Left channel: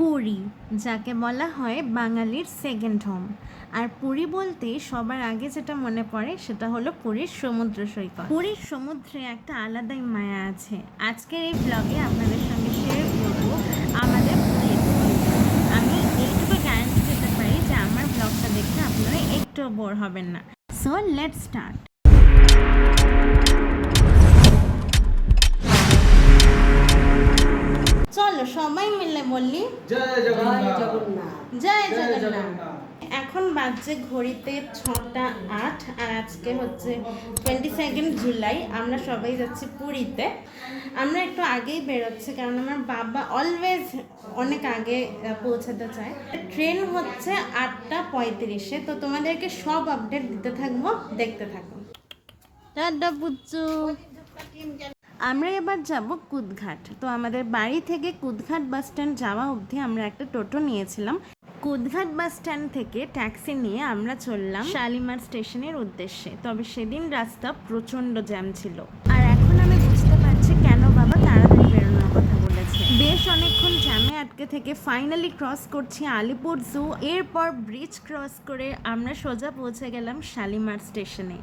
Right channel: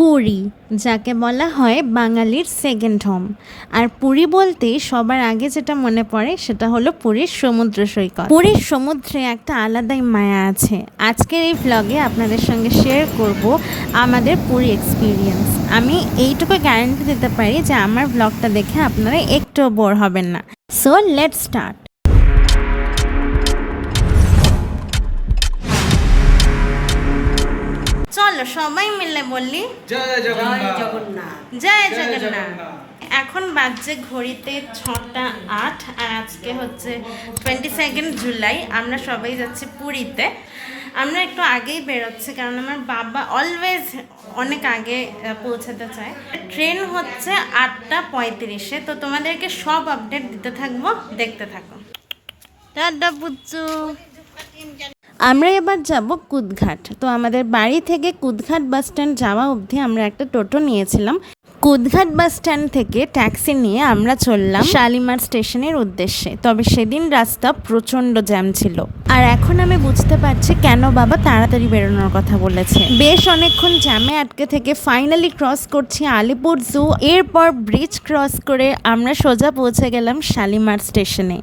পুরী, যাকে বলা হয় বাঙালির সেকেন্ড হোম আর পুরী বলতেই সবার আগে যেটা মনে পড়ে সেটা হলো পুরীর সমুদ্র সৈকত। পুরীর সমুদ্রে একটা আলাদাই মায়া আছে। আজকের এই ভ্লগে আপনাদের সঙ্গে শেয়ার করব আমাদের পুরী এক্সপিরিয়েন্স আমি এইটুকু গ্যারান্টি দিতে পারি যে আমার ভ্লগটা দেখে আপনারা একটুও বোর হবেন না। সো লেট স্টার্ট চলো সবাই মিলে বললি জয় জগন্নাথ। জয় জয় জগন্নাথ। এখন বাজছে ঘড়িতে ছটা আট আর আজকে হচ্ছে টোয়েন্টি সেকেন্ড জুলাই আমরা সবাই যাচ্ছি পুরীতে। আমরা একটু আগেই বেরোচ্ছি কারণ আমার বাবা অলওয়েজ অনেক আগে পৌঁছাতে চায়। ট্রেন হচ্ছে আটটা পঁয়ত্রিশে তো তোমাদেরকে সব আপডেট দিতে থাকব দেখতে থাকো। টাটা পুচ্চু আমরা এবার যাব কুদঘাট। তো আমাদের বাড়ি থেকে কুদঘাট বাস স্ট্যান্ড যাওয়া অবধি আমরা একটা টোটো নিয়েছিলাম। কুদঘাট বাস স্ট্যান্ড থেকে ট্যাক্সি নিয়ে আমরা চললাম শালিমার স্টেশনের উদ্দেশ্যে। তবে সেদিন রাস্তা প্রচণ্ড জ্যাম ছিল। আর এখন আমি বুঝতে পারছি কেন বাবা তাড়াতাড়ি বেরোনোর কথা বলেছে। বেশ অনেকক্ষণ জ্যামে আটকে থেকে ফাইনালি ক্রস করছি আলিপুর জু এরপর ব্রিজ ক্রস করে আমরা সোজা পৌঁছে গেলাম শালিমার স্টেশনে।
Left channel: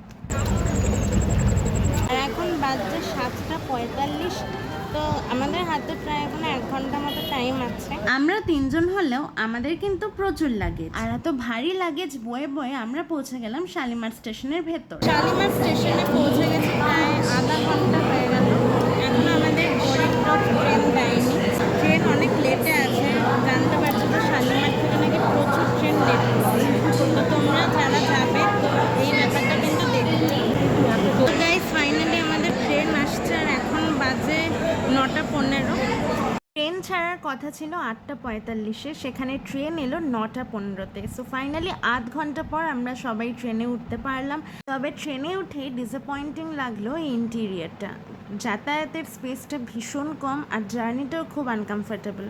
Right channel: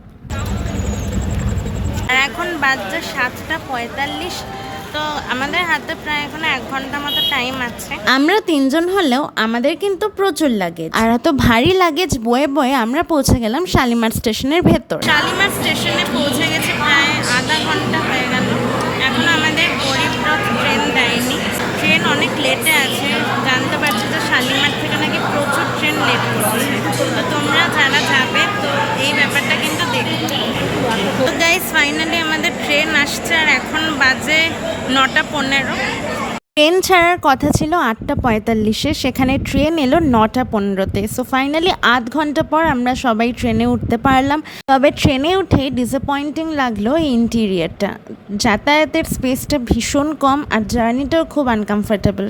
এখন বাজছে সাতটা পঁয়তাল্লিশ তো আমাদের হাতে প্রায় এখন এক ঘণ্টা মতো টাইম আছে। আমরা তিনজন হলেও আমাদের কিন্তু প্রচুর লাগেজ আর এত ভারী লাগেজ বয়ে বয়ে আমরা পৌঁছে গেলাম শালিমার স্টেশনের ভেতর। শালিমার স্টেশনে পৌঁছে গেছি প্রায় আধা ঘণ্টা হয়ে গেল। এখন আমাদের গরিব ট্রেন দেয়নি। ট্রেন অনেক লেটে আছে। জানতে পারছি যে শালিমার থেকে নাকি প্রচুর ট্রেন লেট করছে। তো তোমরা যারা যাবে তো এই ব্যাপারটা কিন্তু দেখো। তো গাইস ফাইনালি আমাদের ট্রেন আসছে আর এখন বাজে নটা পনেরো। ট্রেন ছাড়ার কথা ছিল আটটা পঁয়তাল্লিশে, সেখানে ট্রেন এলো নটা পনেরোতে। সো ফাইনালি আধ ঘণ্টা পর আমরা সবাই ট্রেনে উঠতে পারলাম। তবে ট্রেনে উঠে ডিসঅ্যাপয়েন্টিং লাগল এই ইন্টিরিয়ারটা যাতায়াতের স্পেসটা ভীষণ কম আর জার্নিটাও খুব আনকমফোর্টেবল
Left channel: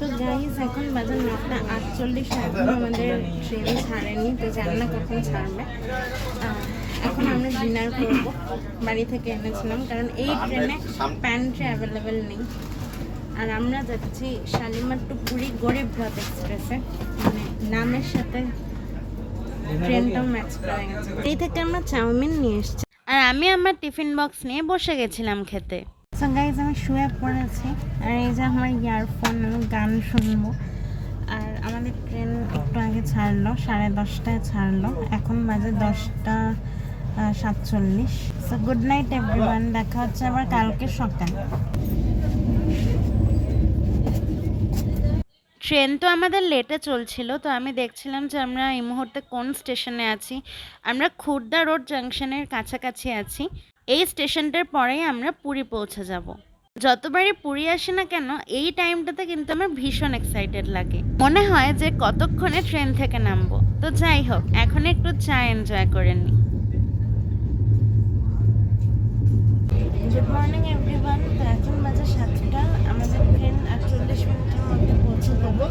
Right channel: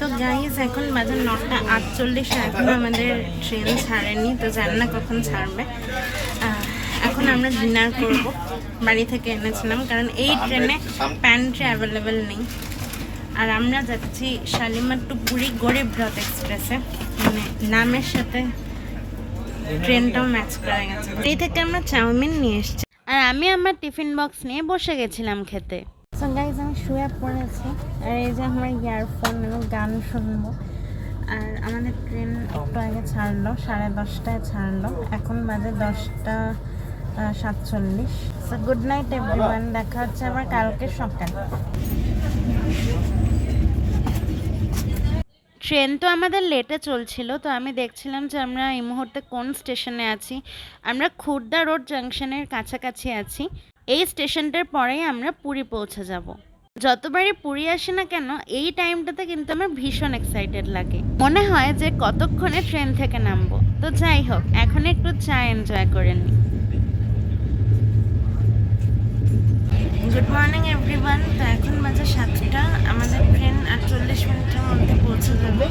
তো গাইজ এখন বাজে নটা আটচল্লিশ এখন আমাদের ট্রেন ছাড়েনি, তো জানি না কখন ছাড়বে। এখন আমরা ডিনার করব। বাড়ি থেকে এনেছিলাম, কারণ এই ট্রেনে প্যান্ট্রি অ্যাভেলেবেল নেই। আর আমরা যাচ্ছি শালিমার টু পুরী গরিব রথ এক্সপ্রেসে মানে নামের সাথে ট্রেনটাও ম্যাচ করা গেছে। এই থেকে আমরা চাউমিন নিয়ে এসেছি। আর আমি আমার টিফিন বক্স নিয়ে বসে গেছিলাম খেতে। আমি শুয়ে পড়েছি। আর এই যে আমার ইয়ারফোন আমি গান শুনব। আর আমাদের ট্রেন একটু আগে ছাড়লো, সাড়ে দশটায় ছাড়লো। এখন বাজে দশটা সাতচল্লিশ। গুড নাইট এভরিওয়ান দেখা হচ্ছে আবার কালকে সকাল। ট্রেন তো আমাদের লেটে চলছিল, তো আমি দেখছিলাম যে আমরা এই মুহূর্তে কোন স্টেশনে আছি। আমরা খুর্দা রোড জাংশনের কাছাকাছি আছি। এই স্টেশনটার পরেই আমরা পুরী পৌঁছে যাব। যতবারই পুরী আসে না কেন, এই টাইমটাতে কিন্তু আমার ভীষণ এক্সাইটেড লাগে। মনে হয় যে কতক্ষণে ট্রেন থেকে নামবো। তো যাই হোক, এখন একটু চা এনজয় করে নিই। মর্নিং এভরিওয়ান তো এখন বাজে সাতটা। আমাদের ট্রেন আর চল্লিশ মিনিটের মধ্যে পৌঁছে যাবে।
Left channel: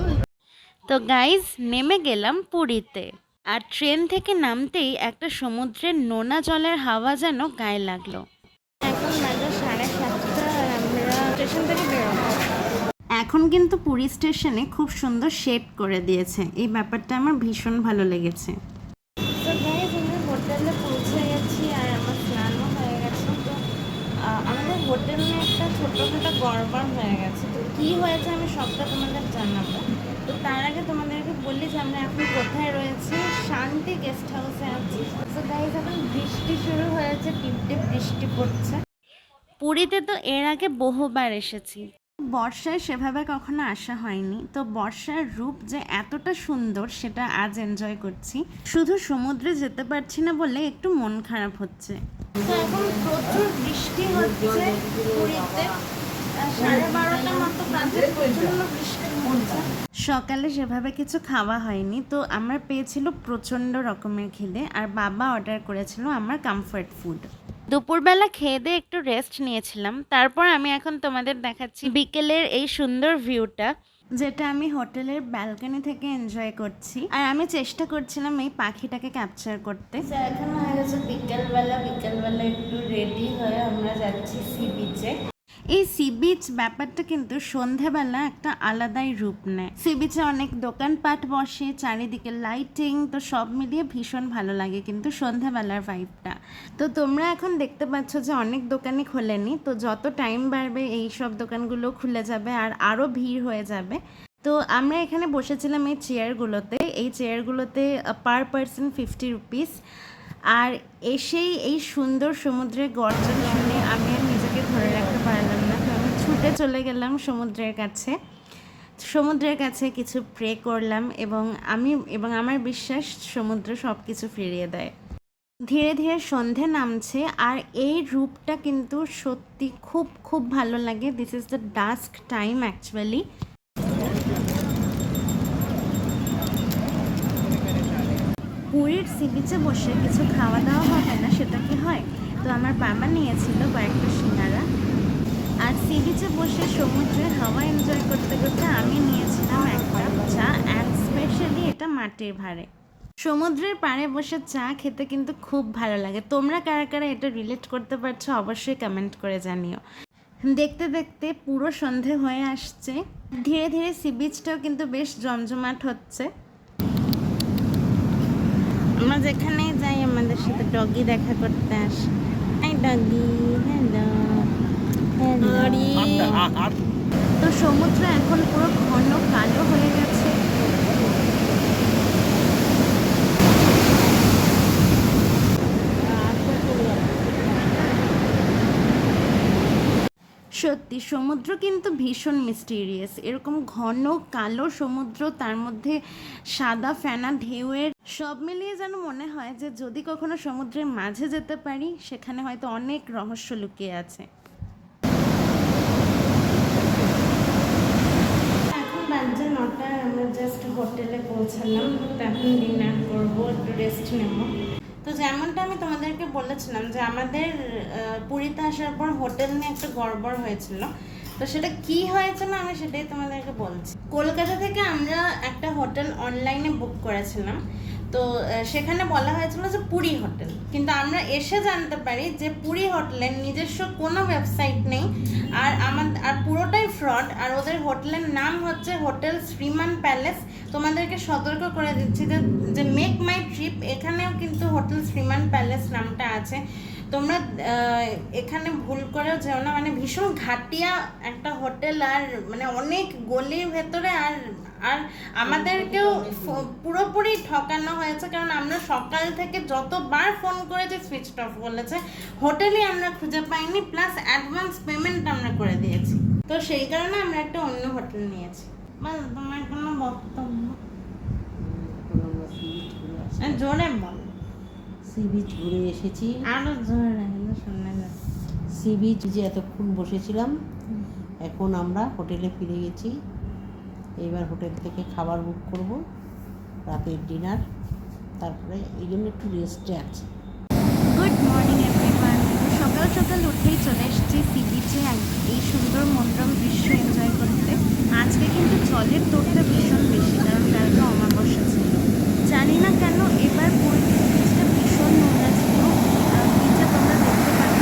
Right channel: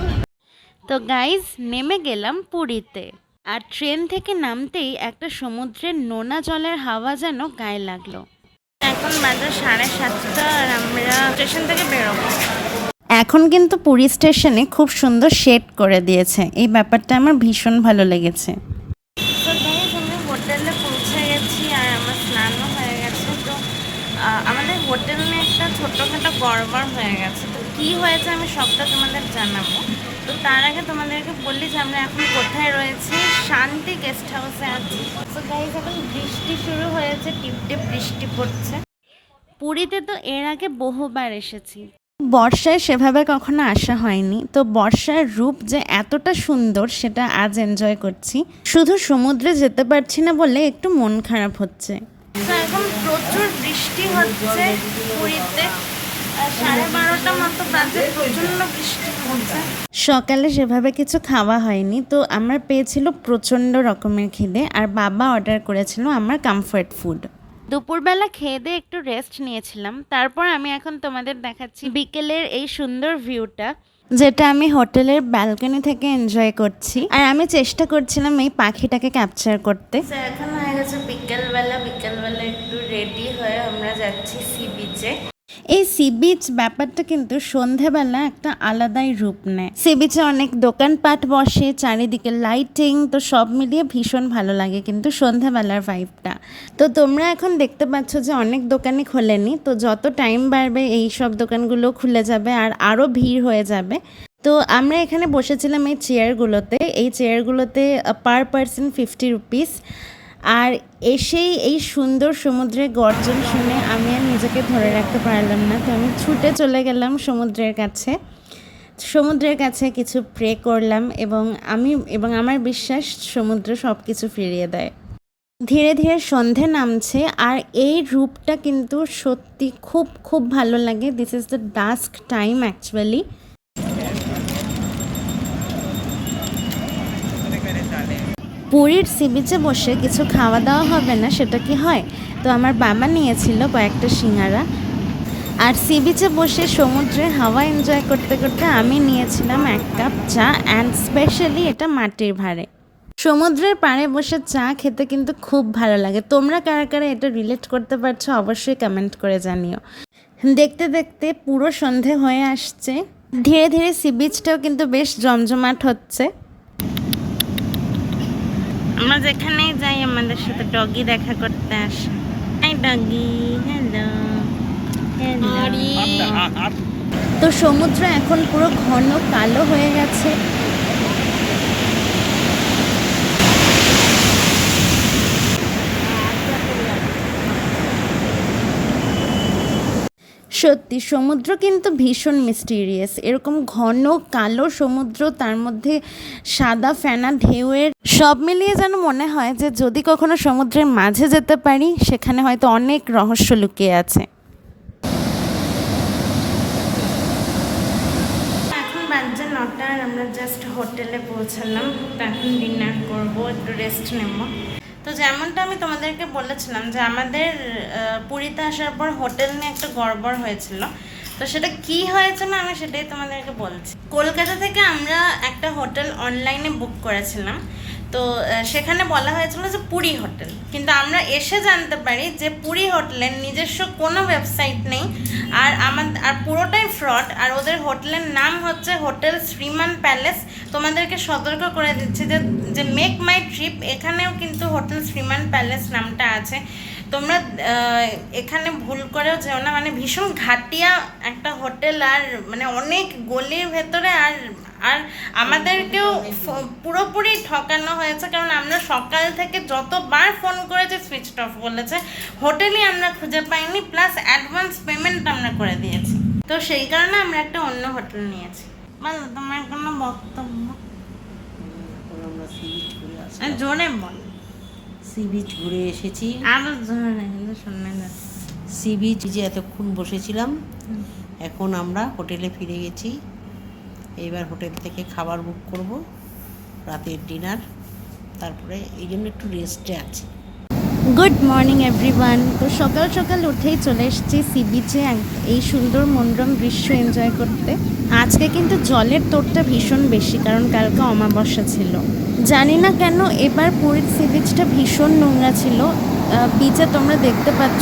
তো গাইজ নেমে গেলাম পুরীতে। আর ট্রেন থেকে নামতেই একটা সমুদ্রের নোনা জলের হাওয়া যেন গায়ে লাগল। এখন বাজে সাড়ে সাতটা আর আমরা স্টেশন থেকে বেরোবো। এখন কিন্তু পুরী স্টেশনে খুব সুন্দর শেড করে দিয়েছে। এই ব্যাপারটা আমার ভীষণ ভালো লেগেছে তো গাইজ আমরা হোটেলে পৌঁছে গেছি আর আমার স্নানও হয়ে গেছে তো আহ, আমাদের হোটেল নিয়ে একটা ছোটোখাটো গড়বড় হয়ে গেছে। তো কী হয়েছে আমি সবটা তোমাদের জানাব। তো তার আগে তোমাদেরকে বললি যে আমরা এখন কোথায় রয়েছি? শান্তি গেস্ট হাউসে আছি। তো গাইজ এখন বৃষ্টি শুরু হয়েছে টিপ টিপ বৃষ্টি পড়ছে। পুরীতে তো এর আগে বহুবার এসেছি। বর্ষায় সেভাবে কখনো আসা হয়নি। তো বর্ষার রূপ যে এতটা সুন্দর, সেটা আজ এনজয় করছি। শুধু সমুদ্রে যেতে পারছি না বলে একটু মন খারাপ হচ্ছে। এখন প্রচুর বৃষ্টি হচ্ছে পুরীতে। সাড়ে বারোটা মতো বাজে প্রচণ্ড বৃষ্টি হচ্ছে। সকালে সেভাবে কিছু খাওয়া হয়নি তো আমার পেয়েছিল প্রচণ্ড রকমের খিদে আর বাবা অর্ডার করেছিল আমার কমফর্ট ফুড দুপুরবেলা খেয়ে দিয়ে একটু রেস্ট নিয়েছিলাম তারপর আমি এখন তোমাদের দেখাচ্ছি বিকেলের এই সুন্দর ভিউটা যেটা আমি হোটেলের ব্যালকনি থেকে এনজয় করছি। আর আমি চেষ্টা করছিলাম এই পাখিটাকে ক্যাপচার করতে। এখন হয়ে গেছে বিকেলবেলা। বিকেলবেলা একটু রেডি হয়ে আমরা যাচ্ছি সি বিচে এই সি বিচ ব্যাপারটা কিন্তু সন্ধেবেলা একটা আলাদাই রূপ নেয়। সি বিচে অনেক দোকানপাট বসে, চারিদিকে লাইটিং তো সব মিলিয়ে ভীষণ ভালো লাগে কিন্তু সন্ধেবেলার ভাইবটা তো তোমরা এখন দেখতে পাচ্ছ যে অনেক দোকানই খোলেনি, তো যত টাইম বাড়বে এই সব দোকানগুলো খুলে যাবে আর আরও ভিড় হয়ে যাবে। তো আমরা এখানে বসেছিলাম এই চেয়ারগুলোতে এই চেয়ারগুলোতে পার পার্সন ফিফটি রুপিস আর এসেই এই সুন্দর সমুদ্রের গর্জন শুনে আমি আর নিজেকে ধরে রাখতে পারলাম না। তো আমি ছুটে চলে গেলাম সমুদ্রের কাছে। সমুদ্রের কাছে কিছু প্রে করলাম এবং আমি, এবং আমার বিশ্বাস সমুদ্র সব কিছু ফিরিয়ে দেয়। ধীরে ধীরে সন্ধে নামছে আর এই রূপটা কিন্তু সত্যি খুব খুব ভালো লাগে। This is the dusk time actually পুরীর সি বিচে বসে কিছু খাওয়া দাওয়া হবে না, সেটা কি হয়? তো আমার বাবা নিয়েছিল কয়েকটা সিঙ্গারা। আর সি বিচে বসে সমুদ্রে হাওয়া এনজয় করতে করতে আমি নিয়েছিলাম এক কাপ চা অ্যান্ড স্পেশালি এটা মাটির ভাড়ে। সমুদ্রের পাড়ে বসে চা খেতে কিন্তু খুব ভালো লাগে। তোমরা কারা কারা এটা রিলেট করতে পারছ অবশ্যই কমেন্ট করে জানিও। দেখতে দেখতে পুরো সন্ধে হয়ে আসছে। ধীরে ধীরে সি বিচটাও কিন্তু বেশ জমজমাট হচ্ছে। আমরা যেখানে যাই আমাদের সাথে ডগি দেখা করতে আসে। হাই ডগি হ্যালো হ্যালো তো সমুদ্র এখন পুরো ঘন কালো হয়ে গেছে। সত্যি, সমুদ্র কিন্তু ভীষণ মিস্টিরিয়াস এরকম ঘন, কালো সমুদ্র, তার মধ্যে সাদা ফেনা ঢেউয়ের সব মিলিয়ে যেন মনে হয় যে যদি কখনো সমুদ্রের মাঝে যেতে পারি, সেখানে হয়তো অনেক রহস্য লুকিয়ে আছে। এখন আমরা জাস্ট হোটেলে পৌঁছালাম। তো এখন ডিনার করব, একটু রেস্ট নেব। তো যেমনটা আমি তোমাদেরকে বলেছিলাম যে আমাদের পুরীতে আসার পর হোটেল নিয়ে একটা গড়বড় হয়েছিল। তো সেটা কি হয়েছে না আমি সেটাই তোমাদেরকে বলছি। কলকাতা থেকে আমরা একটা হোটেল অনলাইনে বুক করেছিলাম। তো সেখানে বলা হয়েছিল যে পুরী হোটেল। কিন্তু আমরা এসে জানতে পারি যে পুরী হোটেলের নিজস্ব কোনো ওয়েবসাইট নেই। আর আমার, আর পুরোটাই ফ্রড আর ওদের হোটেলের নাম হচ্ছে হোটেল শ্রীমান প্যালেস। তোমাদেরকে সতর্ক করে দিচ্ছি যে যে মেক মাই ট্রিপ এখানেও কিন্তু হোটেল শ্রীমান প্যালেস নামটা আছে। তোমরা এখানে ভুল করেও যেও না। মানে ভীষণ ঘাটিয়া একটা হোটেল আর মানে অনেক গলির ভেতরে আর আর আমাদেরকেও পুরোপুরি ঠকানো হয়েছে কারণ আমরা সকাল থেকে যতবার ফোন করেছি সুইচ অফ বলেছে। হোটেলই আমরা খুঁজে পাইনি প্লাস অ্যাডভান্স পেমেন্ট আমরা করে দিয়েছি। তো সেই কারণে আমরা একটা অন্য হোটেল নিয়েছি। বলো তোমার কোনো বক্তব্য? জোরে বল। সি বিচ ঘুরে এসেছি। আরও জোরে সি বিচ যে এতক্ষণ বসেছিলাম এখন আমরা হোটেলে ফিরে গেছি। এইবার হোটেল থেকে খাবার বুক করব, রাতের ডিনার তারপরে এই জন্য একটু রেস্টে আছি। গুড মর্নিং এভরিওয়ান সকাল সকাল উঠেই চলে এসেছি সি বিচে এই সুন্দর মনোরম দৃশ্য এনজয় করতে। আজকে কিন্তু জলের তোরটা ভীষণ বেশি, কারণ কালকে অমাবস্যা ছিল। জানি না কেন এবার পুরীর সি বিচটা ভীষণ নোংরা ছিল। বিচে তোমরা দেখতে পাচ্ছ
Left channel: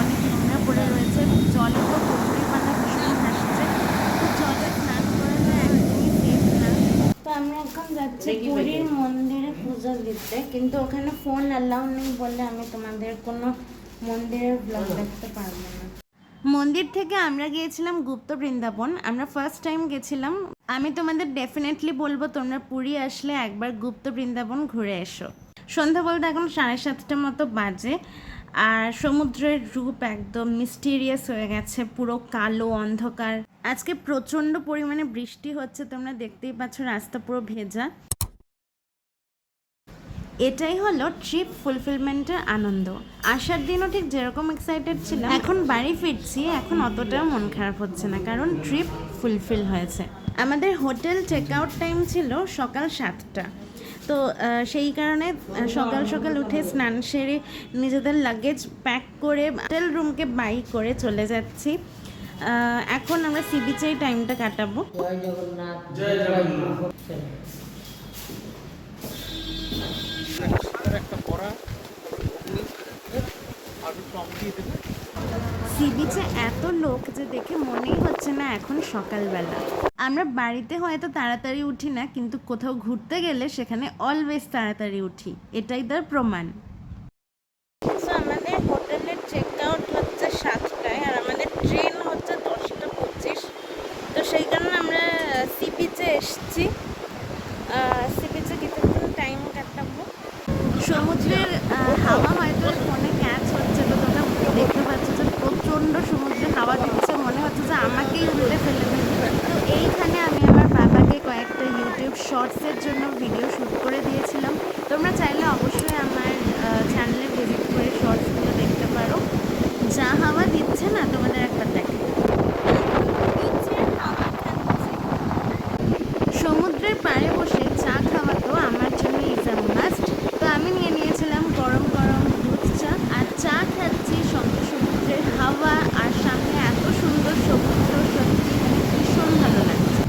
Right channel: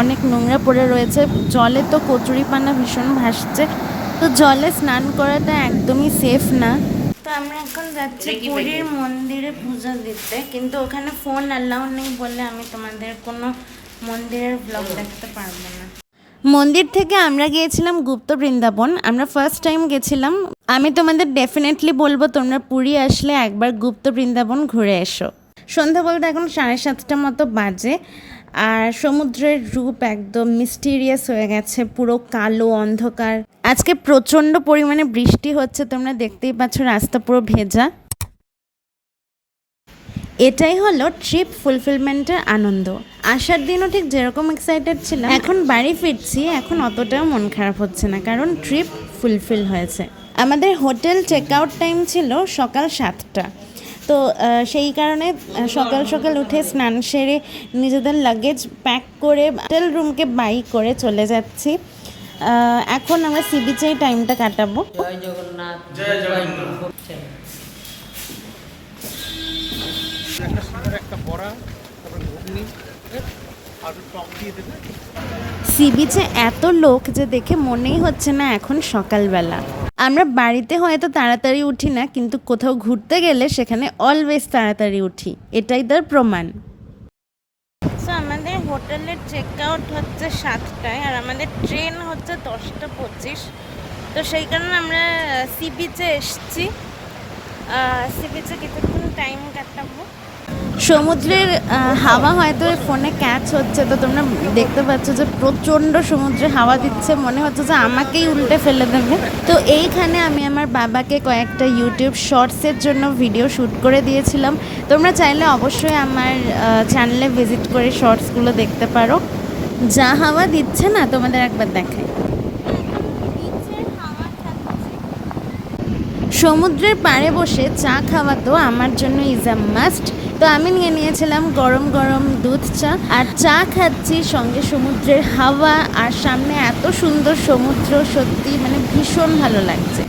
অনেক নোংরা পড়ে রয়েছে। জলে তো কচুরিপানা ভীষণ ভাসছে। তো জলে স্নান করাটা একদমই সেফ না। তো আমরা এখন যাচ্ছি পুরীর মন্দিরে পূজা দিতে। কিন্তু ওখানে ফোন অ্যালাউ নেই বলে আমি তোমাদের কোনো মন্দিরের ব্লগ দেখতে পারব না। মন্দির থেকে আমরা গিয়েছিলাম গুপ্ত বৃন্দাবন। আমরা ফার্স্ট টাইম গেছিলাম। আমি তোমাদের ডেফিনেটলি বলব তোমরা পুরী আসলে একবার গুপ্ত বৃন্দাবন ঘুরে এসো। সন্ধ্যা বলতে এখন সাড়ে সাতটা মতো বাজে। আর সমুদ্রের রূপ একদম মিস্টিরিয়াস হয়ে গেছে, পুরো কালো অন্ধকার। আজকে প্রচণ্ড পরিমাণে বৃষ্টি হচ্ছে, তোমরা দেখতেই পাচ্ছ রাস্তা পুরো ভেজা। এটাই হলো ট্রিপ ফুলফিলমেন্টের আনন্দ। আসার দিনও ঠিক যেরকম এক্সাইটেড ছিলাম, এখন বাড়ি ফিরছি, এখন অতটাও মন খারাপ হচ্ছে না, কারণ ট্রিপ ফুলফিল হয়েছে। আমাদের হোটেল চেক আউট টাইম ছিল সকাল সাতটা। তো সেই কারণে সকাল সকাল উঠে স্নান সেরে নিজেদের লাগেজ প্যাক করে হোটেল রুমকে বাই করে চলে যাচ্ছি। এখন আমরা সি বিচে টাইমটা কাটাবো। জয় জগন্নাথ। জয় জগন্নাথ। একটা বড়া তারপরে ঘুগনি আর একটু টক দিয়ে দেবে। সি বিচে এত লোক যে দেখে মনেই হচ্ছে না এখন সকালবেলা। আমরা বাড়িতে হয়তো তাড়াতাড়ি উঠি না, কিন্তু কোথাও ঘুরতে গেলে সেখানে অলওয়েজ তাড়াতাড়ি উঠি। এটাই তার প্রমাণ। আমাদের হোটেলের চেক আউট হচ্ছে সাতটায় আর আমাদের ট্রেন হচ্ছে দশটা পঁচিশ। তো সেই কারণে আমরা সি বিচে এসছি। সি বিচে কিছুক্ষণ টাইম কাটাবো। সমুদ্রের হাওয়া হয়তো ফোনে ক্যাচ হচ্ছে, তো তোমরা দেখতে পাচ্ছ যে প্রচণ্ড সমুদ্রে হাওয়া দিচ্ছে, মনে হচ্ছে যে আমাকেই উল্টে ফেলে দেবে। তো এইখানে আমি আমার বাবাকে কয়েকটা ইউটিউব শর্টসের জন্য ভিডিও শ্যুট করে দিয়েছিলাম। তোমরা চাইলে অবশ্যই আমার চ্যানেলে ভিজিট করে শর্টসগুলো দেখতে পারো। যা হাওয়া দিচ্ছে না, তোমাদের একবার দেখাই। সমুদ্রের পাড়ে বসে চা খাওয়া তো আমার জন্য ইজ আ মাস্ট তো আমি নিয়ে নিয়েছিলাম গরম গরম দুধ চা, আর চা খাচ্ছি সঙ্গে সমুদ্রের হাওয়া, আর সামনে এত সুন্দর সমুদ্র, সত্যি মানে ভীষণ ভালো লাগছে।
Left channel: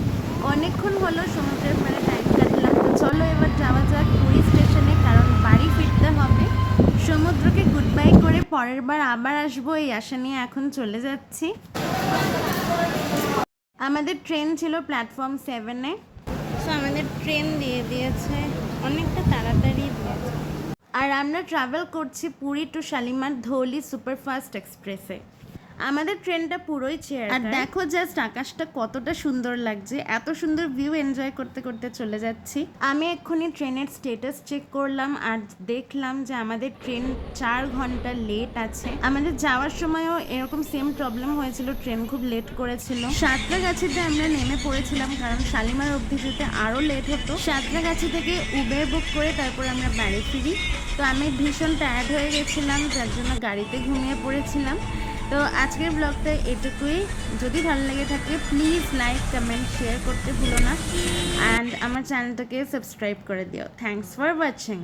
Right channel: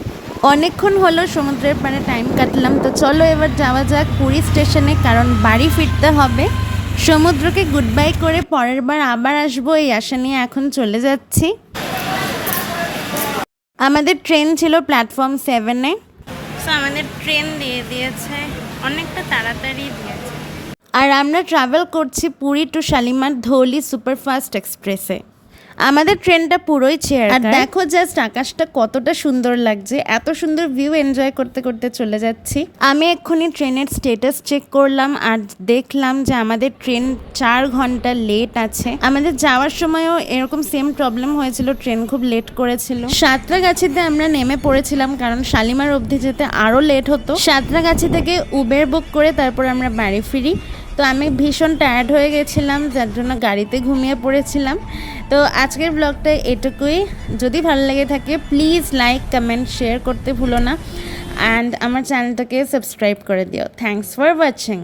অনেকক্ষণ হলো সমুদ্রের পাড়ে টাইম কাটলাম, তো চলো এবার যাওয়া যাক পুরী স্টেশনে, কারণ বাড়ি ফিরতে হবে। সমুদ্রকে গুড বাই করে পরের বার আবার আসব, এই আশা নিয়ে এখন চলে যাচ্ছি। আমাদের ট্রেন ছিল প্ল্যাটফর্ম সেভেনে সো আমাদের ট্রেন দিয়ে দিয়েছে, অনেকটা তাড়াতাড়ি দিয়েছে। আর আমরা ট্রাভেল করছি পুরী টু শালিমার ধৌলি সুপারফাস্ট এক্সপ্রেসে। আমাদের ট্রেনটা পুরোই চেয়ার আর দেখো জাস্ট আকাশটা কতটা সুন্দর লাগছে এত সুন্দর ভিউ এনজয় করতে করতে চলে যাচ্ছি। আমি এক্ষুনি ট্রেনের স্টেটাস চেক করলাম আর দেখলাম যে আমাদের ট্রেন চার ঘণ্টা লেট আছে। আমাদের যাওয়ার সময়ও এরকম সেম প্রবলেম হয়েছিল ট্রেন খুব লেট করেছিল। সাঁতরাগাছিতে আমরা নেমে পড়েছিলাম কারণ শালিমার অবধি যেতে আরও লেট হতো। সাঁতরাগাছি থেকে উবের বুক করে তারপর আমরা বাড়ি ফিরি। তো আমি ভীষণ টায়ার্ড হয়ে গেছিলাম যার জন্য গাড়িতে ঘুমিয়ে পড়েছিলাম। তো আজকের ব্লগটা এটুকুই। যদি ভালো লাগে থাকে প্লিজ লাইক কমেন্ট শেয়ার করতে ভুলো না। অ্যান্ড আমার চ্যানেলটাকে সাবস্ক্রাইব করে দিও। Thanks for watching